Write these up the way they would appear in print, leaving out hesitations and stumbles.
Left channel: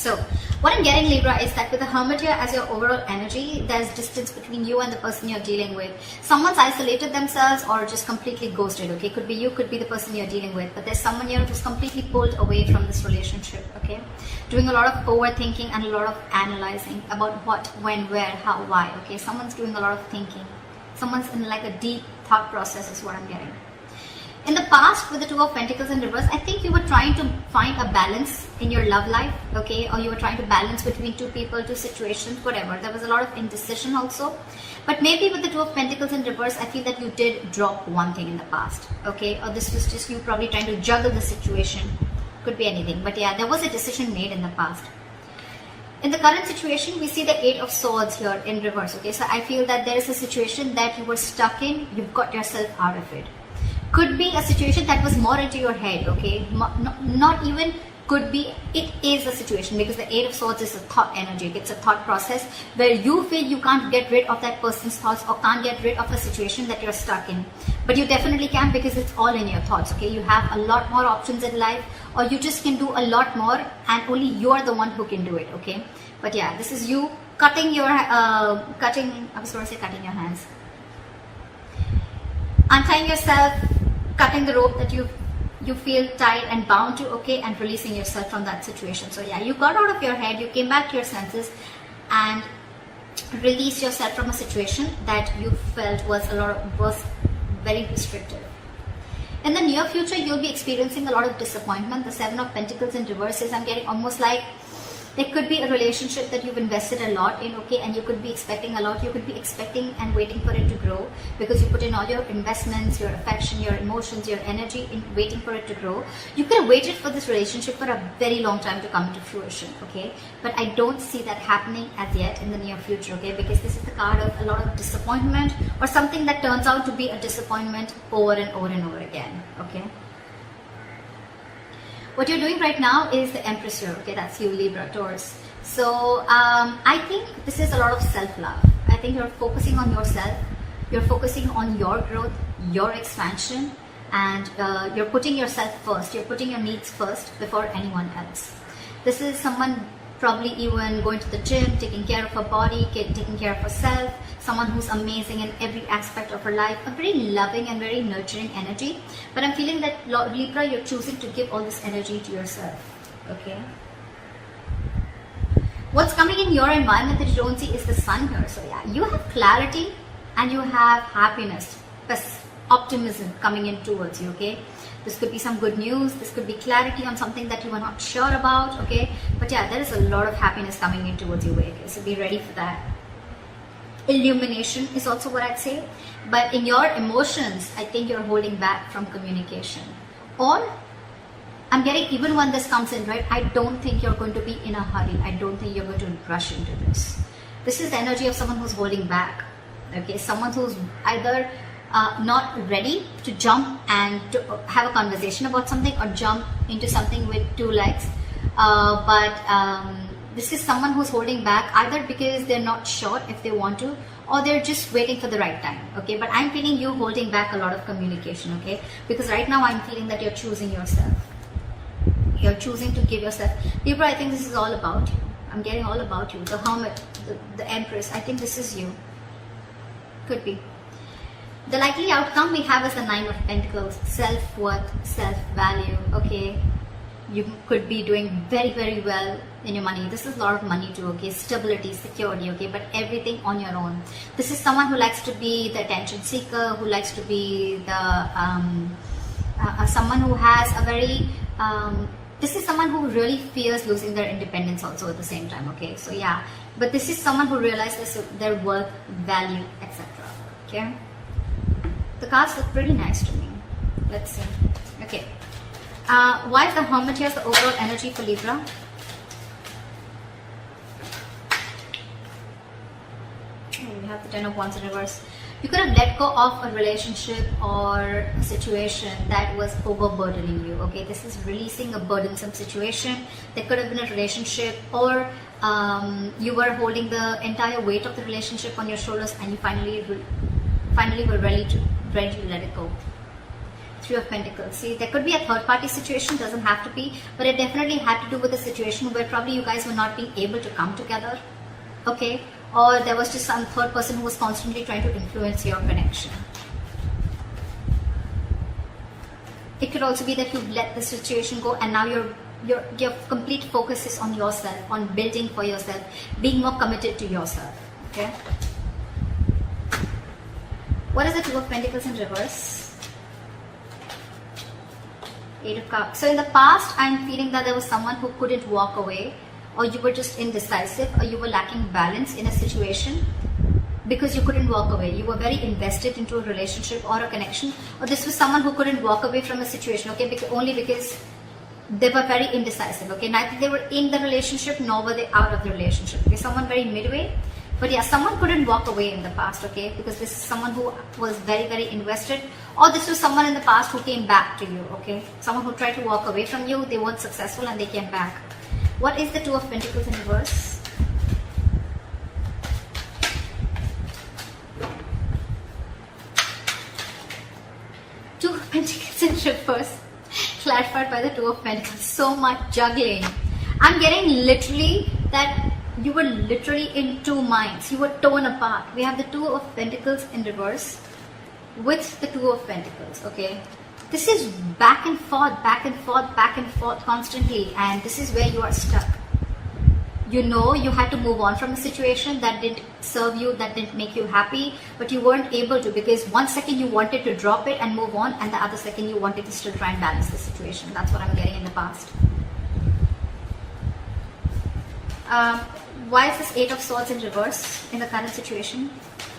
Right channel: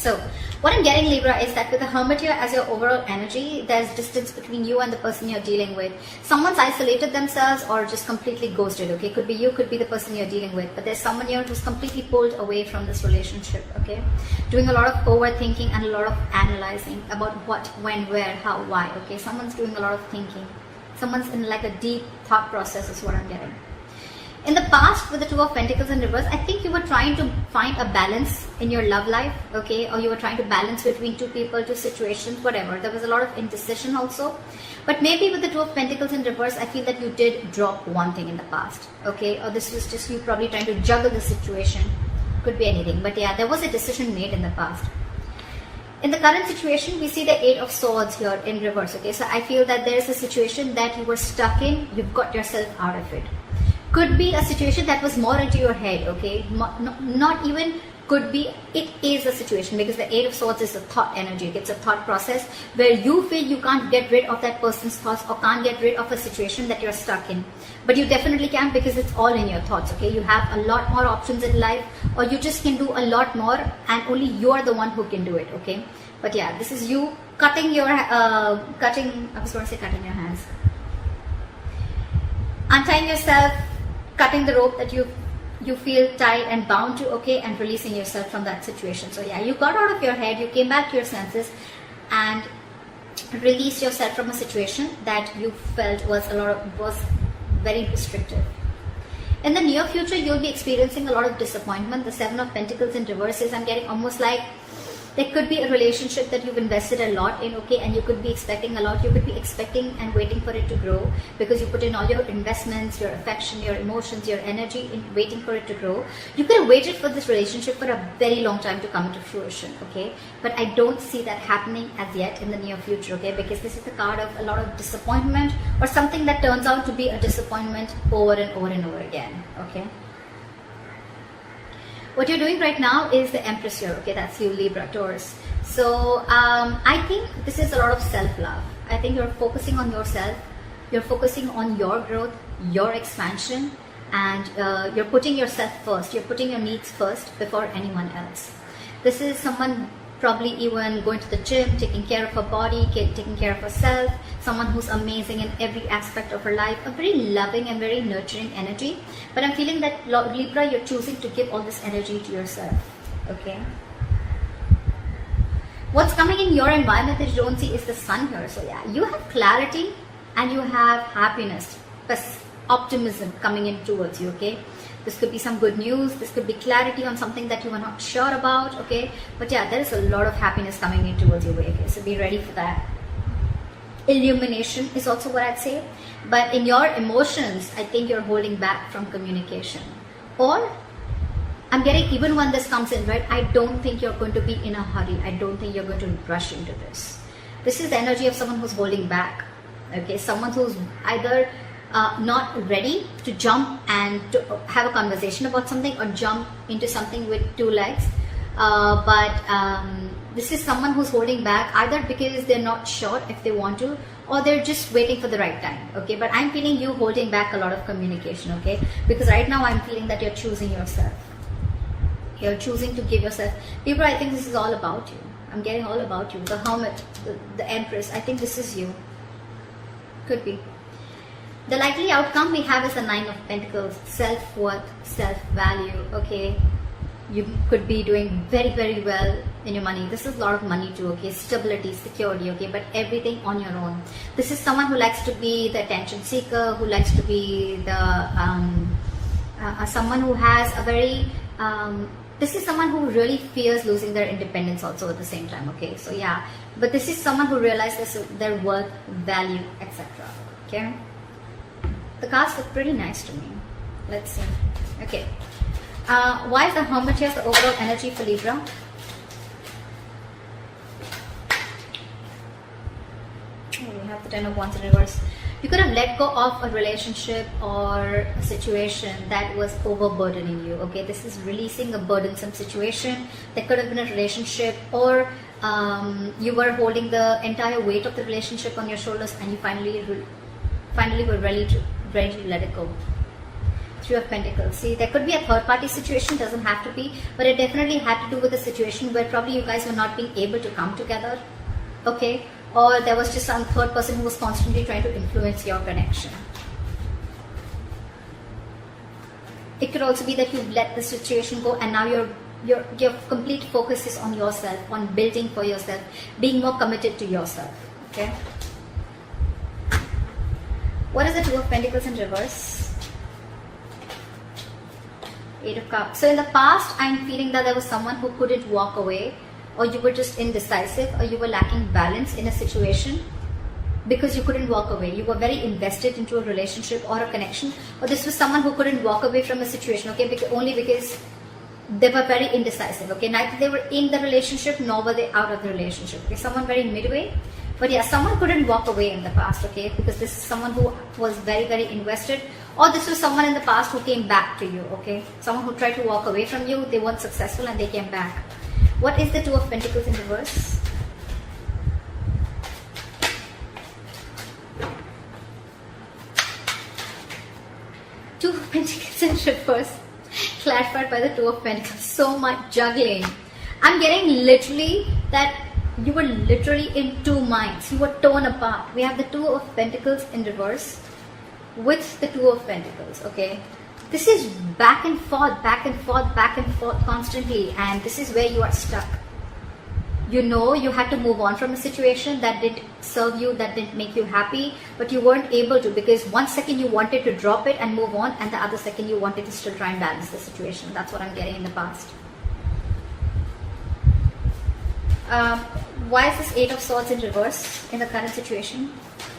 So what I'm getting, Libra, is that with the Hermit here as your overall energy, there's distance between you and the person you're dealing with. Someone's isolated themselves or just completely ghosted, okay? Could be you, could be the person you're dealing with. But there's someone here who's completely pulled away from this relationship, okay? Doing a lot of overthinking and a lot of analyzing about what, when, where, how, why, okay? Someone's doing a lot of thinking. Someone's in like a deep thought process is what I'm getting. In the past, with the Two of Pentacles in reverse, I think you were trying to find a balance in your love life, okay? Or you were trying to balance between two people, two situations, whatever. There was a lot of indecision also. But maybe with the Two of Pentacles in reverse, I feel that you did drop one thing in the past, okay? Or this was just you probably trying to juggle the situation. Could be anything. But yeah, there was a decision made in the past. In the current situation, we see the Eight of Swords here in reverse, okay? So I feel that there is a situation that you were stuck in. You've got yourself out of it. Could be a situation that was more into your head, okay? Not even could be, it is a situation, because the Eight of Swords is a thought energy. It's a thought process where you feel you can't get rid of that person's thoughts or can't get rid of a situation that you're stuck in. But you definitely can, because it's all in your thoughts, okay? You have a lot more options in life, or you just can do a lot more and only you're the one who can do it, okay? But yeah, this is you cutting your, I was going to say cutting your hands. Untying yourself, cutting the rope that you feel tied and bound to, okay, and releasing yourself from that situation. So yeah, you got out of your head, you came back to your senses and released yourself from a situation that you felt was very restrictive. In the near future, you'll be experiencing a lot of disappointment. The Seven of Pentacles in reverse is, I'm getting almost like there could be a relationship that you've invested a lot in, okay, and you could be expecting a lot. You could be expecting and waiting for it to grow because you put in all your investments, your affection, your emotions, your energy in waiting for it to grow. You could have waited for this relationship for a very long time to come into fruition, okay? But I don't see that happening as yet in the near future, okay? Because this is the card of a lot of disappointment or something that turns out to be a disappointment over and over and over again, okay? What you're doing right now is the Empress here, okay? That's you, Libra, Taurus. So I think this is a lot of self-love. I think you're focusing on yourself. You're focusing on your growth, your expansion, and you're putting yourself first. You're putting your needs first before anyone else. This is someone probably even going to the gym, taking care of her body, taking care of herself, someone who's amazing in every aspect of her life, a very loving and very nurturing energy. But I'm feeling that, Libra, you're choosing to give all this energy to yourself, okay? What's coming in your environment that you don't see is the Sun here. So yeah, you have clarity and you have happiness, optimism coming in towards you, okay? This could be some good news. This could be clarity on something that you are not sure about, okay? But yeah, there is a lot of happiness coming in towards your way, okay? So be ready for that. Illumination is also what I'd say. But in your emotions, I think you're holding back from communication. Or, I'm getting, even when this comes in, right? I don't think you're going to be in a hurry. I don't think you're going to rush into this. This is the energy of someone who's holding back, okay? Someone who's either not ready to jump and to have a conversation about something or jump into something with two legs. This is someone who's holding back either because they're not sure if they want to or they're just waiting for the right time, okay? But I'm feeling you holding back a lot of communication, okay? Because right now I'm feeling that you're choosing yourself. You're choosing to give yourself. Libra, I think this is all about you. I'm getting all about you. The Hermit, the Empress, I think this is you. Could be. The likely outcome we have is the Nine of Pentacles, self-worth, self-value, okay? You could be doing very, very well in your money. This is a lot of money too, okay? Stability, security, okay? But everything on your own. This is someone who likes to be the attention seeker, who likes to be the, someone who has a very, this is someone who really fears losing their independence also at the same time, okay? So yeah, but this is someone who realizes their worth, value, etc., okay? The cards look pretty nice to me. Let's see. Okay. Why is the Hermit here the overall energy for Libra? We have the Ten of Wands in reverse. You could have let go of a relationship or a situation that was overburdening you. Okay, this is releasing a burdensome situation. There could have been a relationship, or you were holding the entire weight of the relationship on your shoulders, and you finally were ready to let it go. Three of Pentacles. See, there could be a third party situation, doesn't have to be, but it definitely had to do with a situation where probably you guys were not being able to come together, okay? Or there was just some third person who was constantly trying to influence your connection. It could also be that you let the situation go and now your complete focus is on yourself, on building for yourself, being more committed to yourself, okay? What is the Two of Pentacles in reverse? Eight of Cups. So in the past, I'm feeling that there was someone who couldn't walk away, or you were just indecisive, or you were lacking balance in a situation because you couldn't walk away. You were very invested into a relationship or a connection. Or this was someone who couldn't walk away from a situation, okay, only because they were very indecisive, okay? Neither they were in the relationship nor were they out of the relationship. Okay, someone very midway. But yeah, someone couldn't walk away in the past, okay? Because this is someone who was very, very invested. Or this was someone in the past who came back to you, okay? Someone who tried to walk away from you, they weren't successful and they came back. What is the Two of Pentacles in reverse? Two of Pentacles in reverse. Clarified by the Two of Pentacles. So much juggling. I'm getting literally that you were literally in two minds. You were torn apart. We have the Two of Pentacles in reverse with the Two of Pentacles, okay? This is back and forth, back and forth, back and forth constantly, and this is where you are stuck. You know you had to move on from a situation that didn't serve you, that didn't make you happy, but you weren't able to because one second you wanted to drop it and move on, and the other second you wanted to still try and balance the situation. That's what I'm getting in the past. Why is this Eight of Swords in reverse in the current situation?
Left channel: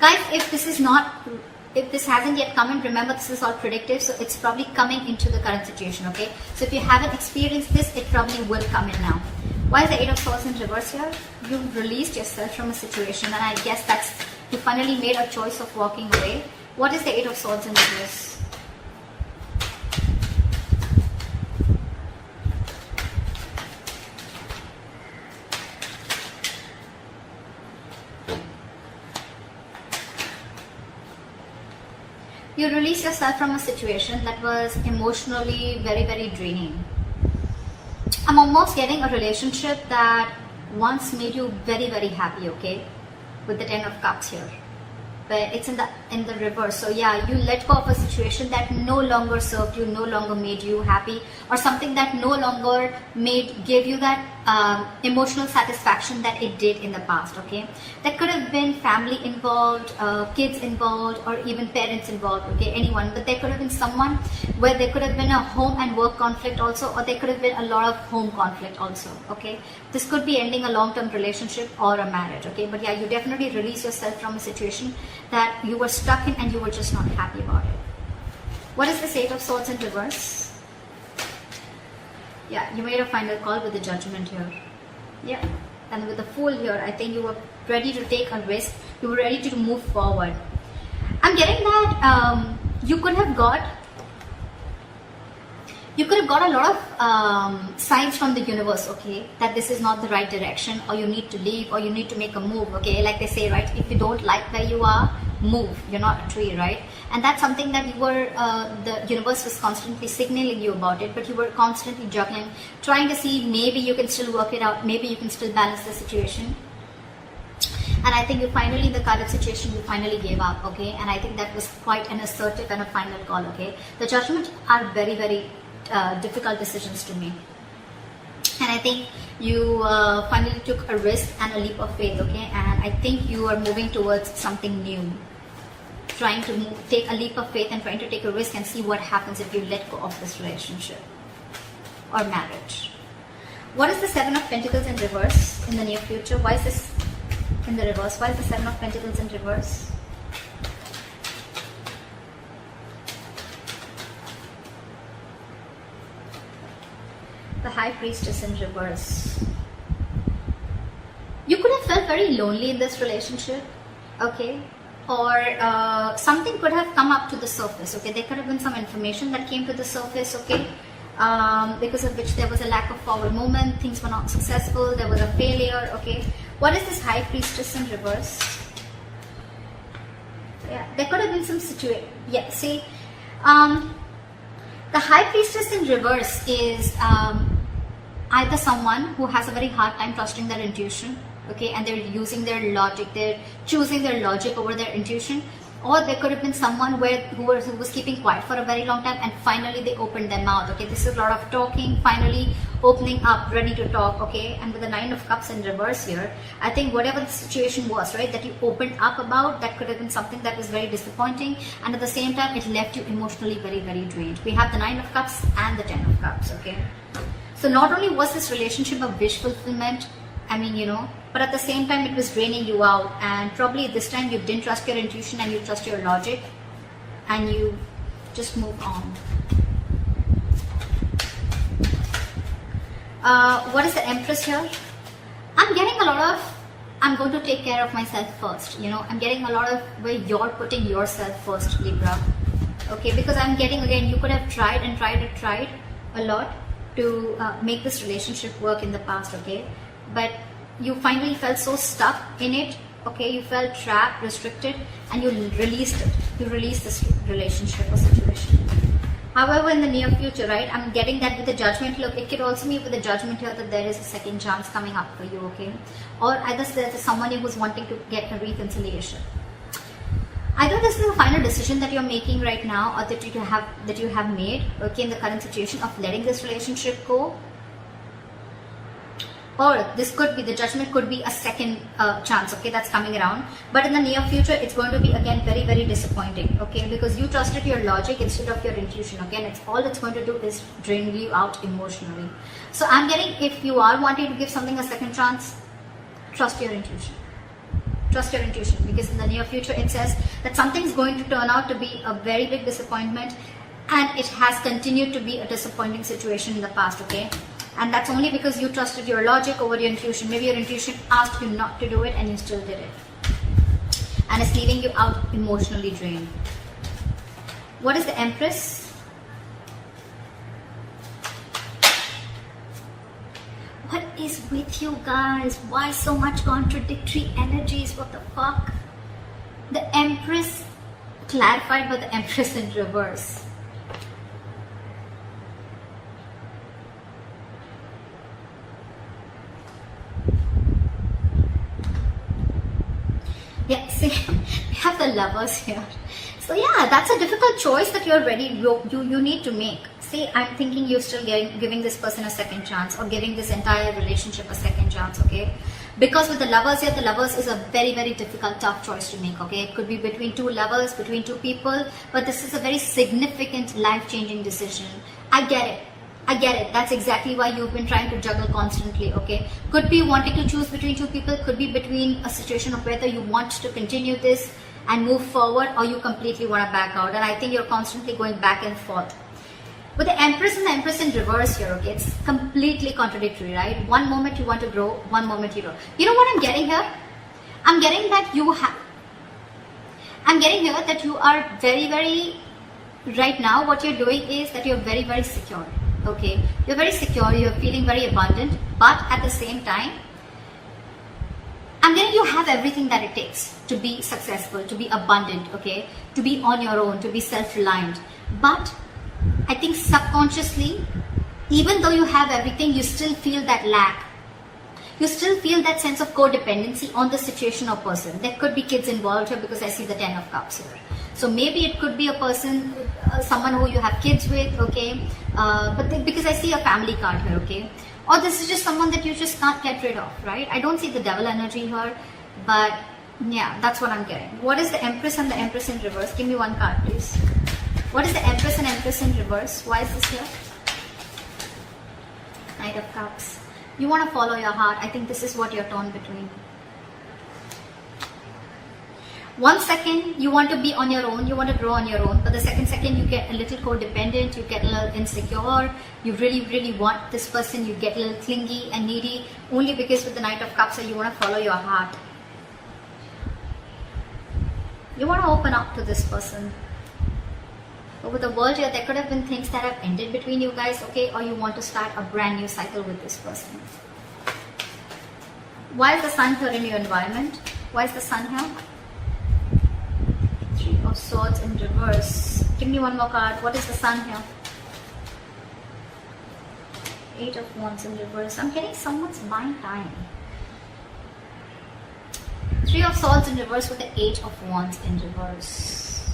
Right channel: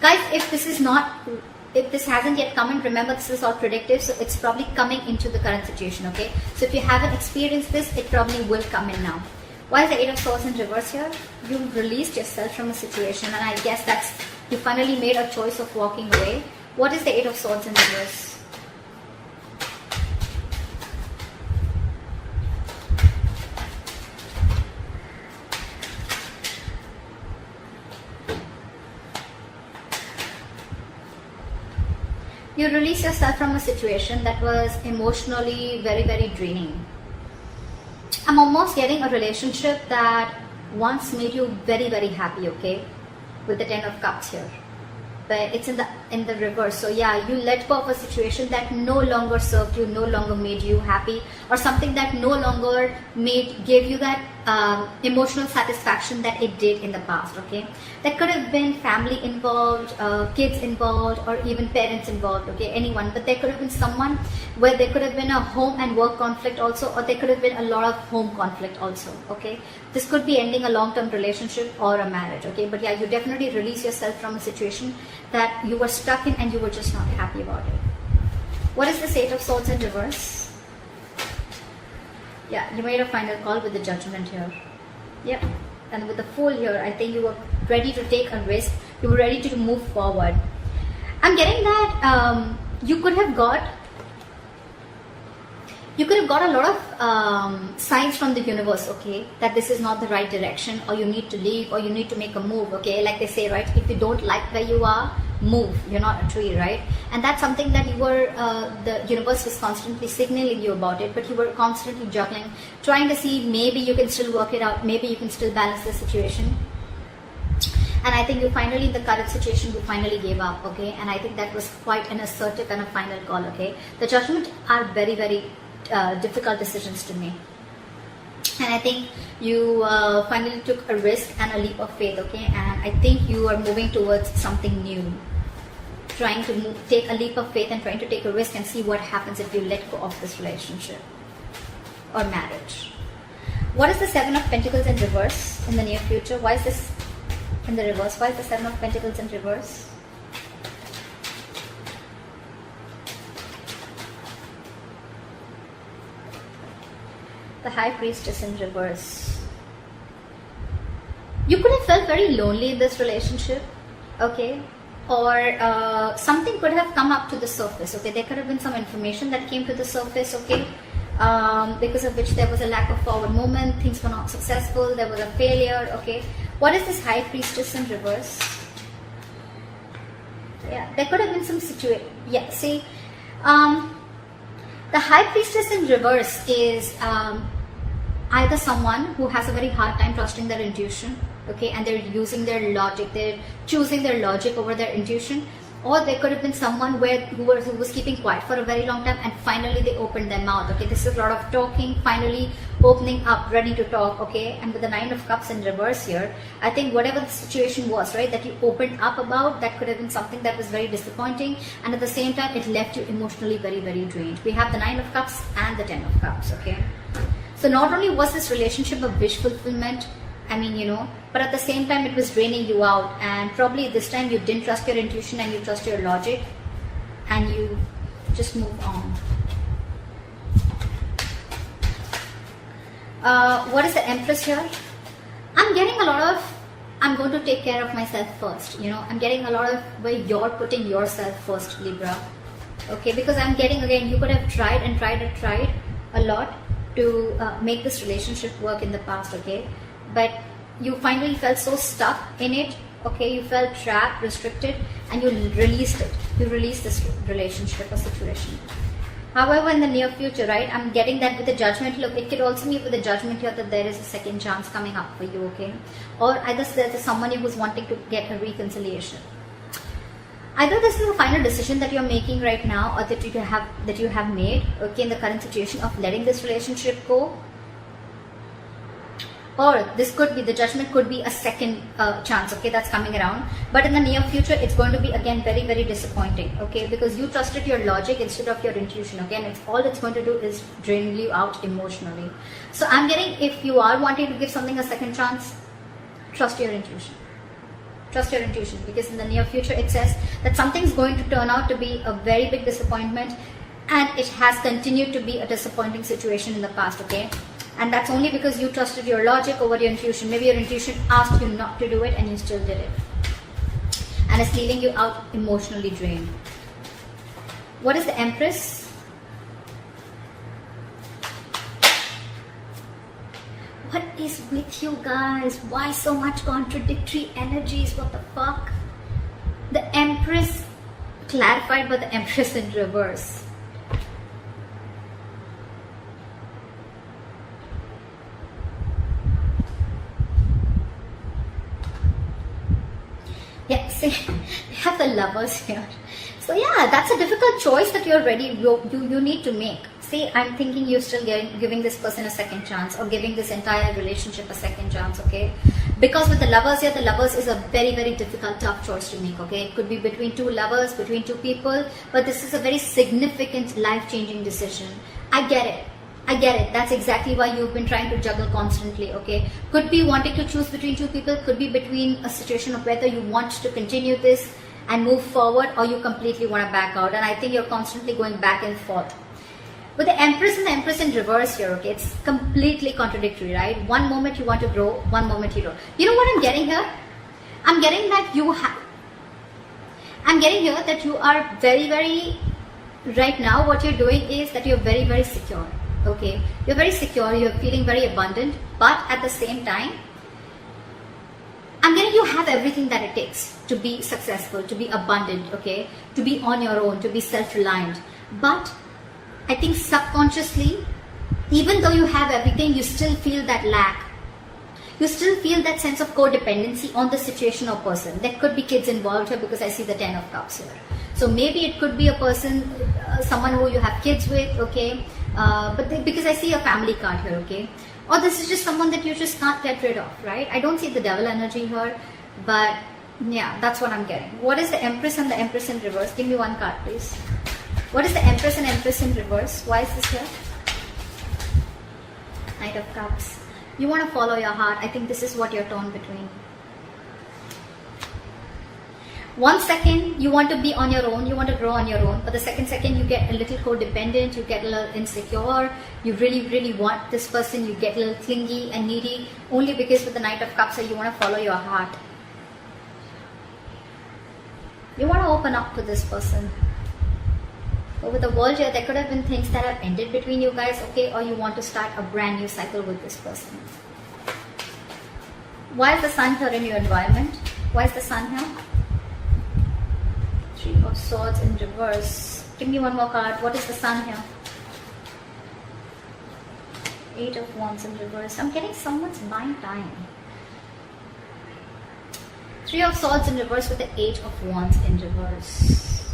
Guys, if this hasn't yet come in, remember this is all predictive, so it's probably coming into the current situation, okay? So if you haven't experienced this, it probably will come in now. Why is the Eight of Swords in reverse here? You released yourself from a situation, and I guess that's, you finally made a choice of walking away. What is the Eight of Swords in reverse? You release yourself from a situation that was emotionally very, very draining. I'm almost getting a relationship that once made you very, very happy, okay? With the Ten of Cups here. But it's in the reverse. So yeah, you let go of a situation that no longer served you, no longer made you happy, or something that no longer gave you that emotional satisfaction that it did in the past, okay? That could have been family involved, kids involved, or even parents involved, okay? Anyone. But there could have been someone where there could have been a home and work conflict also, or there could have been a lot of home conflict also, okay? This could be ending a long-term relationship or a marriage, okay? But yeah, you definitely release yourself from a situation that you were stuck in and you were just not happy about it. What is this Eight of Swords in reverse? Yeah, you made a final call with the Judgment here. Yeah, and with the Fool here, I think you were ready to take a risk. You were ready to move forward. I'm getting that you could have got a lot of signs from the universe, okay, that this is not the right direction, or you need to leave, or you need to make a move, okay? Like they say, right, if you don't like where you are, move. You're not a tree, right? And that's something that you were, the universe was constantly signaling you about it, but you were constantly juggling, trying to see maybe you can still work it out, maybe you can still balance the situation. And I think you finally, the current situation, you finally gave up, okay? And I think that was quite an assertive and a final call, okay? The Judgment are very, very difficult decisions to make. And I think you finally took a risk and a leap of faith, okay? And I think you are moving towards something new. Trying to take a leap of faith and trying to take a risk and see what happens if you let go of this relationship or marriage. What is the Seven of Pentacles in reverse in the near future? Why is this in the reverse? Why is the Seven of Pentacles in reverse? The High Priestess in reverse. You could have felt very lonely in this relationship, okay? Or something could have come up to the surface, okay? There could have been some information that came to the surface, okay? Because of which there was a lack of forward movement, things were not successful, there was a failure, okay? What is this High Priestess in reverse? Yeah, there could have been some situation. Yeah, see, The High Priestess in reverse is either someone who has a very hard time trusting their intuition, okay, and they're using their logic, they're choosing their logic over their intuition, or there could have been someone who was keeping quiet for a very long time and finally they opened their mouth, okay. This is a lot of talking, finally opening up, ready to talk, okay. And with the Nine of Cups in reverse here, I think whatever the situation was, right, that you opened up about, that could have been something that was very disappointing, and at the same time it left you emotionally very, very drained. We have the Nine of Cups and the Ten of Cups, okay. So not only was this relationship a wish fulfillment, I mean, you know, but at the same time it was draining you out, and probably this time you didn't trust your intuition and you trust your logic and you just moved on. What is the Empress here? I'm getting a lot of, I'm going to take care of myself first, you know, I'm getting a lot of where you're putting yourself first, Libra, okay, because I'm getting, again, you could have tried and tried and tried a lot to make this relationship work in the past, okay, but you finally felt so stuck in it, okay, you felt trapped, restricted, and you released it. You released this relationship or situation. However, in the near future, right, I'm getting that with the Judgment. Look, it could also mean with the Judgment here that there is a second chance coming up for you, okay, or either there's someone who's wanting to get a reconciliation. Either this is a final decision that you're making right now, or that you have made, okay, in the current situation of letting this relationship go, or this could be, the Judgment could be a second chance, okay, that's coming around. But in the near future, it's going to be again very, very disappointing, okay, because you trusted your logic instead of your intuition. Again, it's all it's going to do is drain you out emotionally. So I'm getting, if you are wanting to give something a second chance, trust your intuition. Trust your intuition, because in the near future it says that something's going to turn out to be a very big disappointment, and it has continued to be a disappointing situation in the past, okay, and that's only because you trusted your logic over your intuition. Maybe your intuition asked you not to do it and you still did it, and it's leaving you out emotionally drained. What is the Empress? What is with you guys? Why so much contradictory energies? What the fuck? The Empress clarified by the Empress in reverse. Yeah, see, we have the Lovers here. So yeah, that's a difficult choice that you're ready, you need to make. See, I'm thinking you're still giving this person a second chance, or giving this entire relationship a second chance, okay? Because with the Lovers here, the Lovers is a very, very difficult, tough choice to make, okay? It could be between two lovers, between two people, but this is a very significant, life-changing decision. I get it. I get it. That's exactly why you've been trying to juggle constantly, okay? Could be wanting to choose between two people, could be between a situation of whether you want to continue this and move forward, or you completely want to back out. And I think you're constantly going back and forth. But the Empress and the Empress in reverse here, okay? It's completely contradictory, right? One moment you want to grow, one moment you don't. You know what I'm getting here? I'm getting that you are very, very, right now what you're doing is that you're very, very secure, okay? You're very secure, you're feeling very abundant, but at the same time, I'm getting you have everything that it takes to be successful, to be abundant, okay? To be on your own, to be self-reliant. But I think subconsciously, even though you have everything, you still feel that lack. You still feel that sense of codependency on the situation or person. There could be kids involved here because I see the Ten of Cups here. So maybe it could be a person, someone who you have kids with, okay? Because I see a family card here, okay? Or this is just someone that you just can't get rid of, right? I don't see the Devil energy here, but yeah, that's what I'm getting. What is the Empress and the Empress in reverse? Give me one card, please. What is the Empress and Empress in reverse? Why is this here? Knight of Cups. You want to follow your heart. I think this is what you're torn between. 1 second, you want to be on your own, you want to grow on your own, but the second you get a little codependent, you get a little insecure, you really, really want this person, you get a little clingy and needy, only because with the Knight of Cups you want to follow your heart. You want to open up to this person. But with the World here, there could have been things that have ended between you guys, okay, or you want to start a brand new cycle with this person. Why is the Sun here in your environment? Why is the Sun here? Three of Swords in reverse. Give me one more card. What is the Sun here? 8 of Wands in reverse. I'm getting someone's buying time. 3 of Swords in reverse with the 8 of Wands in reverse.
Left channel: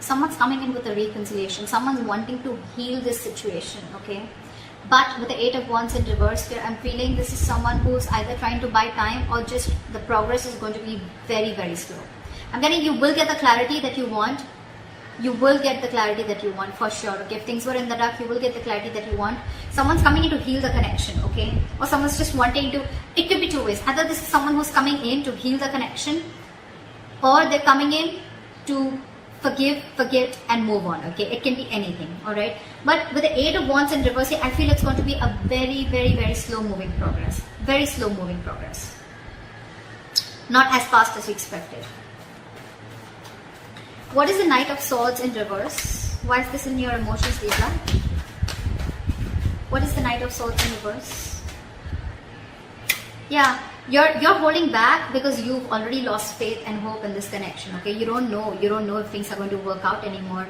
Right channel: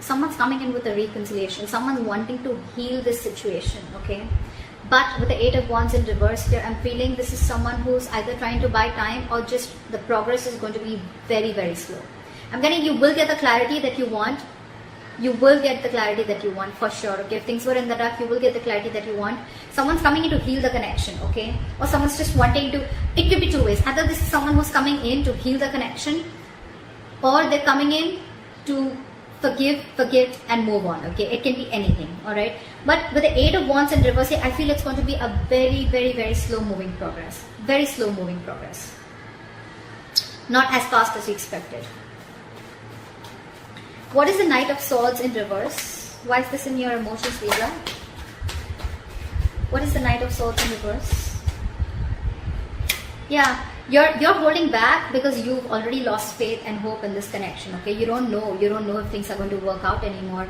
Someone's coming in with a reconciliation. Someone's wanting to heal this situation, okay? But with the 8 of Wands in reverse here, I'm feeling this is someone who's either trying to buy time or just the progress is going to be very, very slow. I'm getting you will get the clarity that you want. You will get the clarity that you want for sure. Okay, if things were in the dark, you will get the clarity that you want. Someone's coming in to heal the connection, okay? Or someone's just wanting to, it could be two ways. Either this is someone who's coming in to heal the connection, or they're coming in to forgive, forget, and move on, okay? It can be anything, alright? But with the 8 of Wands in reverse, I feel it's going to be a very, very, very slow moving progress. Very slow moving progress. Not as fast as you expected. What is the Knight of Swords in reverse? Why is this in your emotions, Libra? What is the Knight of Swords in reverse? Yeah, you're holding back because you've already lost faith and hope in this connection, okay? You don't know if things are going to work out anymore.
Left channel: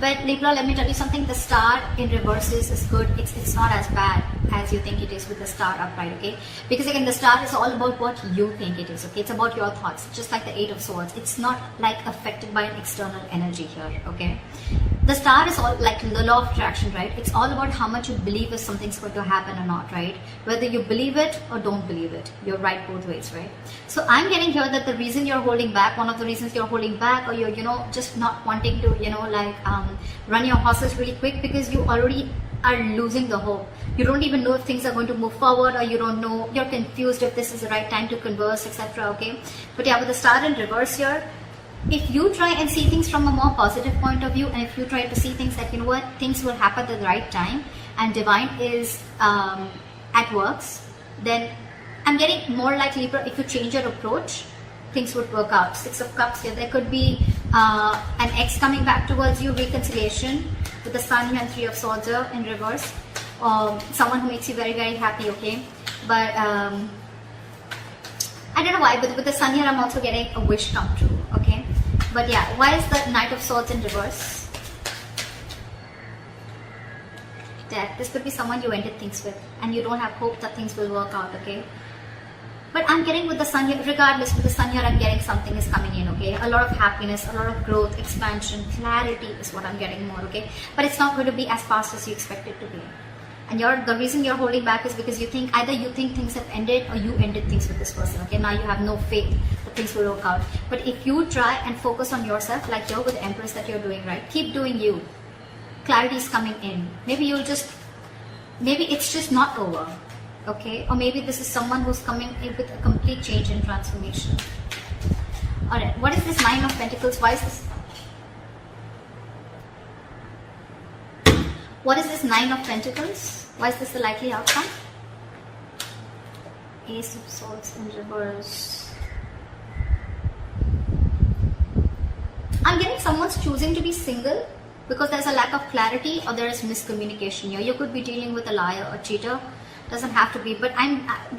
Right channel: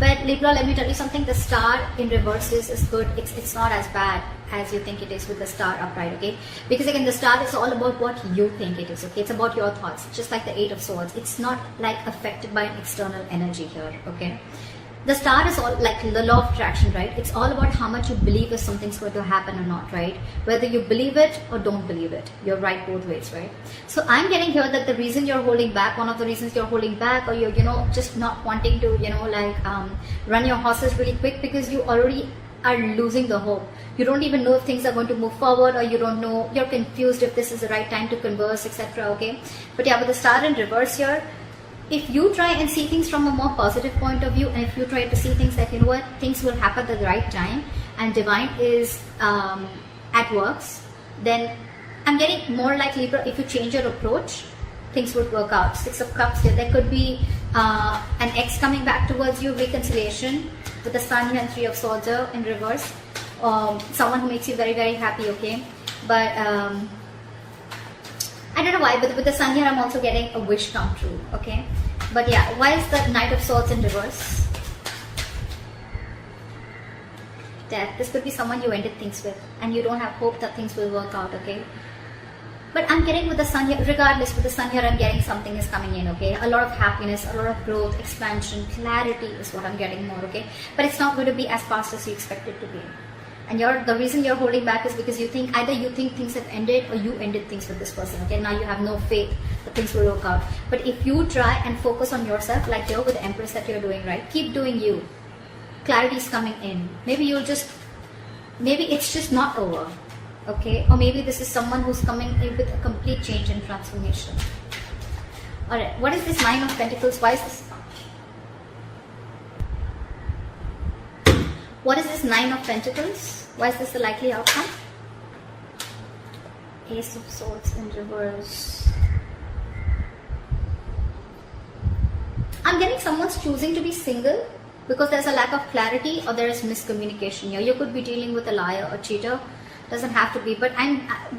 But Libra, let me tell you something, the star in reverses is good. It's not as bad as you think it is with the star upright, okay? Because again, the star is all about what you think it is, okay? It's about your thoughts, just like the 8 of Swords. It's not like affected by an external energy here, okay? The star is all like the law of attraction, right? It's all about how much you believe if something's going to happen or not, right? Whether you believe it or don't believe it. You're right both ways, right? So I'm getting here that the reason you're holding back, one of the reasons you're holding back, or you're, just not wanting to, run your horses really quick because you already are losing the hope. You don't even know if things are going to move forward, or you don't know, you're confused if this is the right time to converse, etc. Okay? But yeah, with the star in reverse here, if you try and see things from a more positive point of view, and if you try to see things that, things will happen at the right time, and divine is at works, then I'm getting more like Libra, if you change your approach, things would work out. 6 of Cups here. There could be an ex coming back towards you, reconciliation, with the Sun here, 3 of Swords here in reverse. Someone who makes you very, very happy, okay? But I don't know why, but with the Sun here, I'm also getting a wish come true, okay? But yeah, why is the Knight of Swords in reverse? That this could be someone you ended things with, and you don't have hope that things will work out, okay? But I'm getting with the Sun here, regardless, with the Sun here, I'm getting something is coming in, okay? A lot of happiness, a lot of growth, expansion, clarity is what I'm getting more, okay? But it's not going to be as fast as you expect it to be. And the reason you're holding back is because either you think things have ended, or you ended things with this person, okay? Now you have no faith that things will work out. But if you try and focus on yourself, like you're with the Empress that you're doing, right? Keep doing you. Clarity is coming in. Maybe it's just not over, okay? Or maybe this is someone who's coming in with a complete change and transformation. Alright, what is this Nine of Pentacles? Why is this? What is this Nine of Pentacles? Why is this the likely outcome? Ace of Swords in reverse. I'm getting someone's choosing to be single because there's a lack of clarity, or there is miscommunication here. You could be dealing with a liar or cheater. Doesn't have to be, but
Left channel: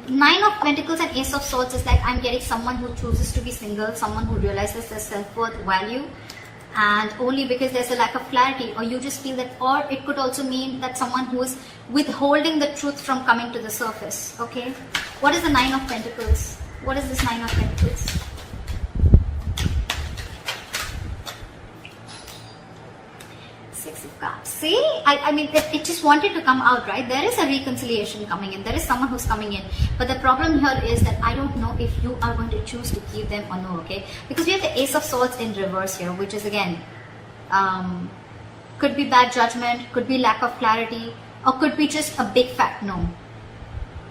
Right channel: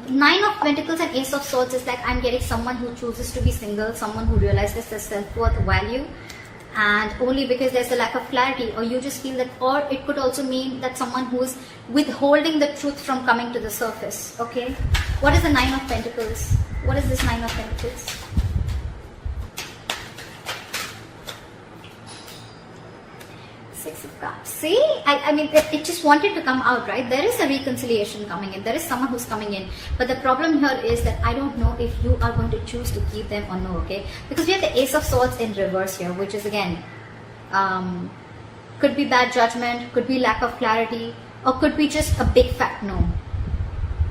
Nine of Pentacles and Ace of Swords is like I'm getting someone who chooses to be single, someone who realizes their self-worth, value, and only because there's a lack of clarity, or you just feel that, or it could also mean that someone who's withholding the truth from coming to the surface, okay? What is the Nine of Pentacles? What is this Nine of Pentacles? Six of Cups. See, I mean, it just wanted to come out, right? There is a reconciliation coming in. There is someone who's coming in. But the problem here is that I don't know if you are going to choose to keep them or no, okay? Because we have the Ace of Swords in reverse here, which is again, could be bad judgment, could be lack of clarity, or could be just a big fat no.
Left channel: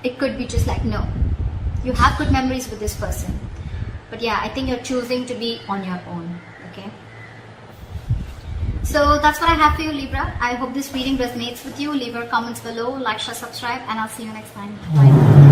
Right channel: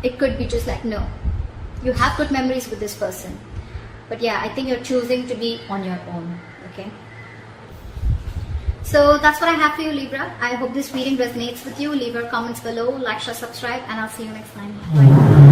It could be just like no. You have good memories with this person. But yeah, I think you're choosing to be on your own, okay? So that's what I have for you, Libra. I hope this reading resonates with you. Leave your comments below, like, share, subscribe, and I'll see you next time. Bye.